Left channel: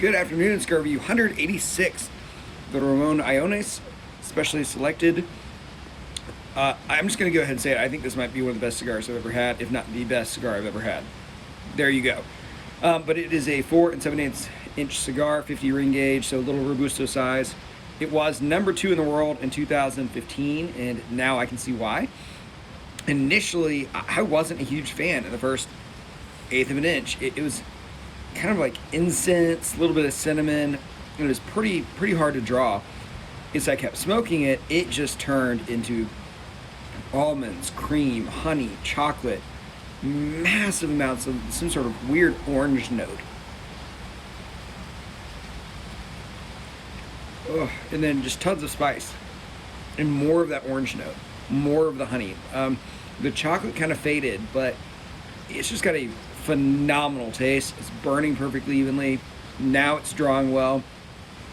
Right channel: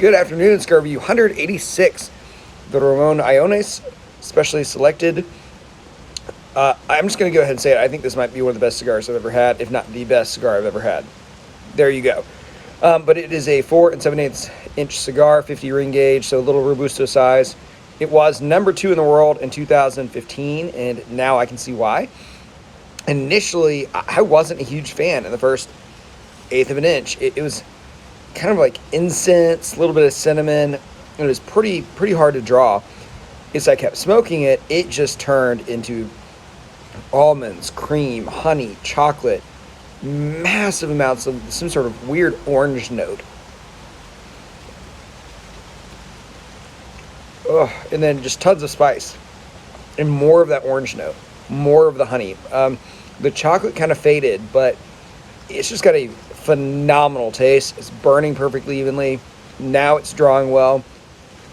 Good afternoon, Cigar Review 186. The Ramon Allones, specially selected. I'm just going to go ahead and say it. I think this might be one of the best cigars I've ever had, if not the best cigar I've ever had. There you go. But it is a 4 7/8 inch cigar, 50 ring gauge, so a little Robusto size. It was number 2 in the world in 2015, and now I can see why. Initially, I wasn't a huge fan in the first 1/8 of an inch. It was kind of like incense, a little bit of cinnamon. It was pretty hard to draw. As I kept smoking it, it just turned into almonds, cream, honey, chocolate, massive amounts of some sort of weird orange note. Ugh, and then just tons of spice and more of that orange note, more of the honey. The chocolate kind of faded, but it's just got a phenomenal taste. It's burning perfectly evenly. Now it's drawing well.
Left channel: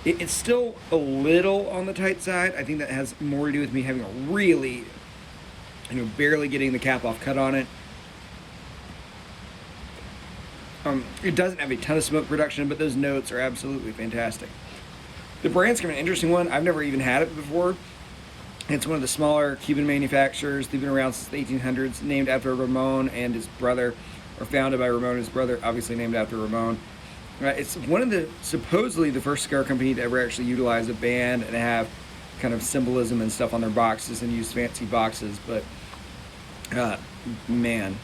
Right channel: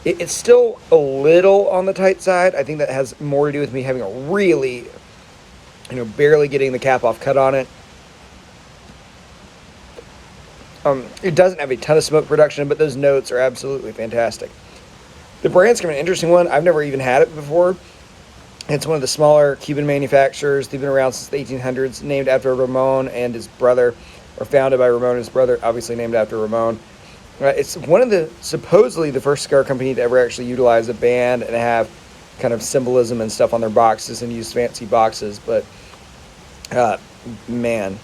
It's still a little on the tight side. I think that has more to do with me having a really, barely getting the cap off cut on it. It doesn't have a ton of smoke production, but those notes are absolutely fantastic. The brand's kind of an interesting one. I've never even had it before. It's one of the smaller Cuban manufacturers. They've been around since the 1800s, named after Ramon and his brother, or founded by Ramon and his brother, obviously named after Ramon. It's one of the, supposedly the first cigar company to ever actually utilize a band and have kind of symbolism and stuff on their boxes and use fancy boxes, but man,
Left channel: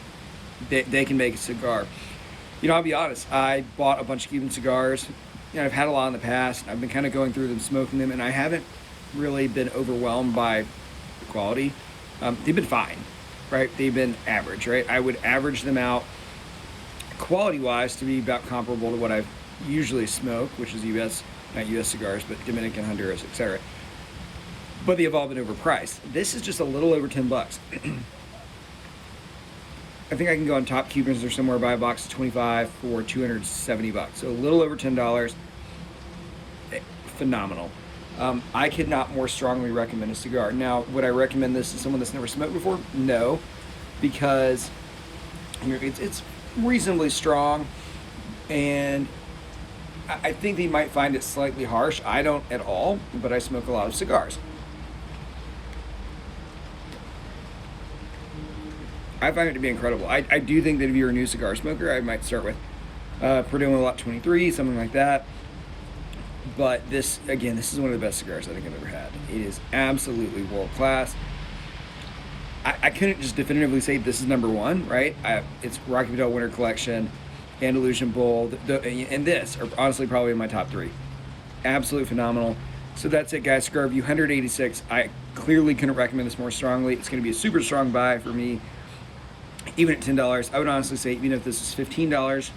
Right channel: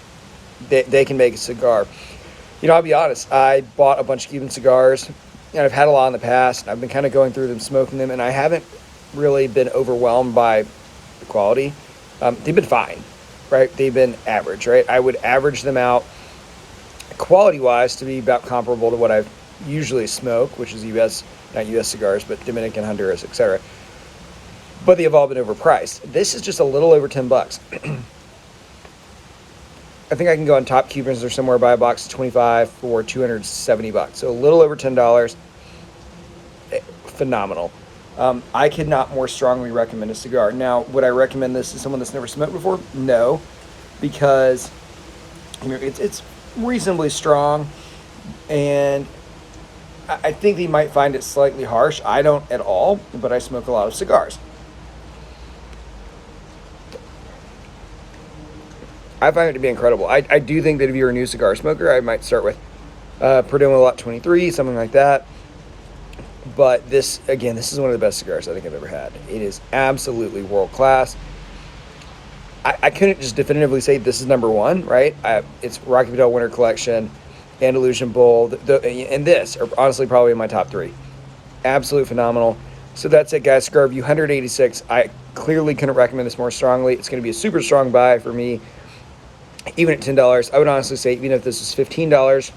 they can make a cigar. I'll be honest, I bought a bunch of Cuban cigars, and I've had a lot in the past. I've been kind of going through them, smoking them, and I haven't really been overwhelmed by the quality. They've been fine, right? They've been average, right? I would average them out quality-wise to be about comparable to what I've usually smoked, which is not U.S. cigars, but Dominican, Honduras, etc. But they have all been overpriced. This is just a little over $10. I think I can go on Top Cubans or somewhere, buy a box of 25 for $270. So a little over $10. Phenomenal. I could not more strongly recommend a cigar. Now, would I recommend this to someone that's never smoked before? No, because it's reasonably strong, and I think they might find it slightly harsh. I don't at all, but I smoke a lot of cigars. I find it to be incredible. I do think that if you're a new cigar smoker, I might start with Perdomo Lot 23, something like that. But this is one of the best cigars I think I've ever had. It is absolutely world class. I couldn't just definitively say this is number one, right? It's Rocky Patel Winter Collection, Andalusian Bull, and this are honestly probably in my top 3. Absolutely phenomenal. So that's it, guys. Cigar Review 186. I clearly couldn't recommend this more strongly. It's going to be a super strong buy for me, even at $10. I would honestly say, even if this was $15,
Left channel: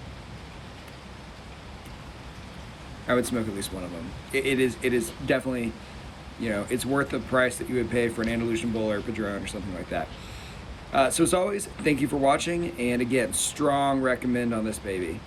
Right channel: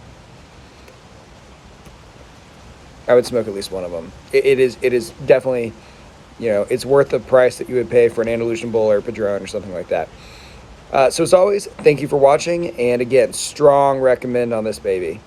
I would smoke at least one of them. It is definitely, it's worth the price that you would pay for an Andalusian Bull or a Padron or something like that. So as always, thank you for watching, and again, strong recommend on this baby.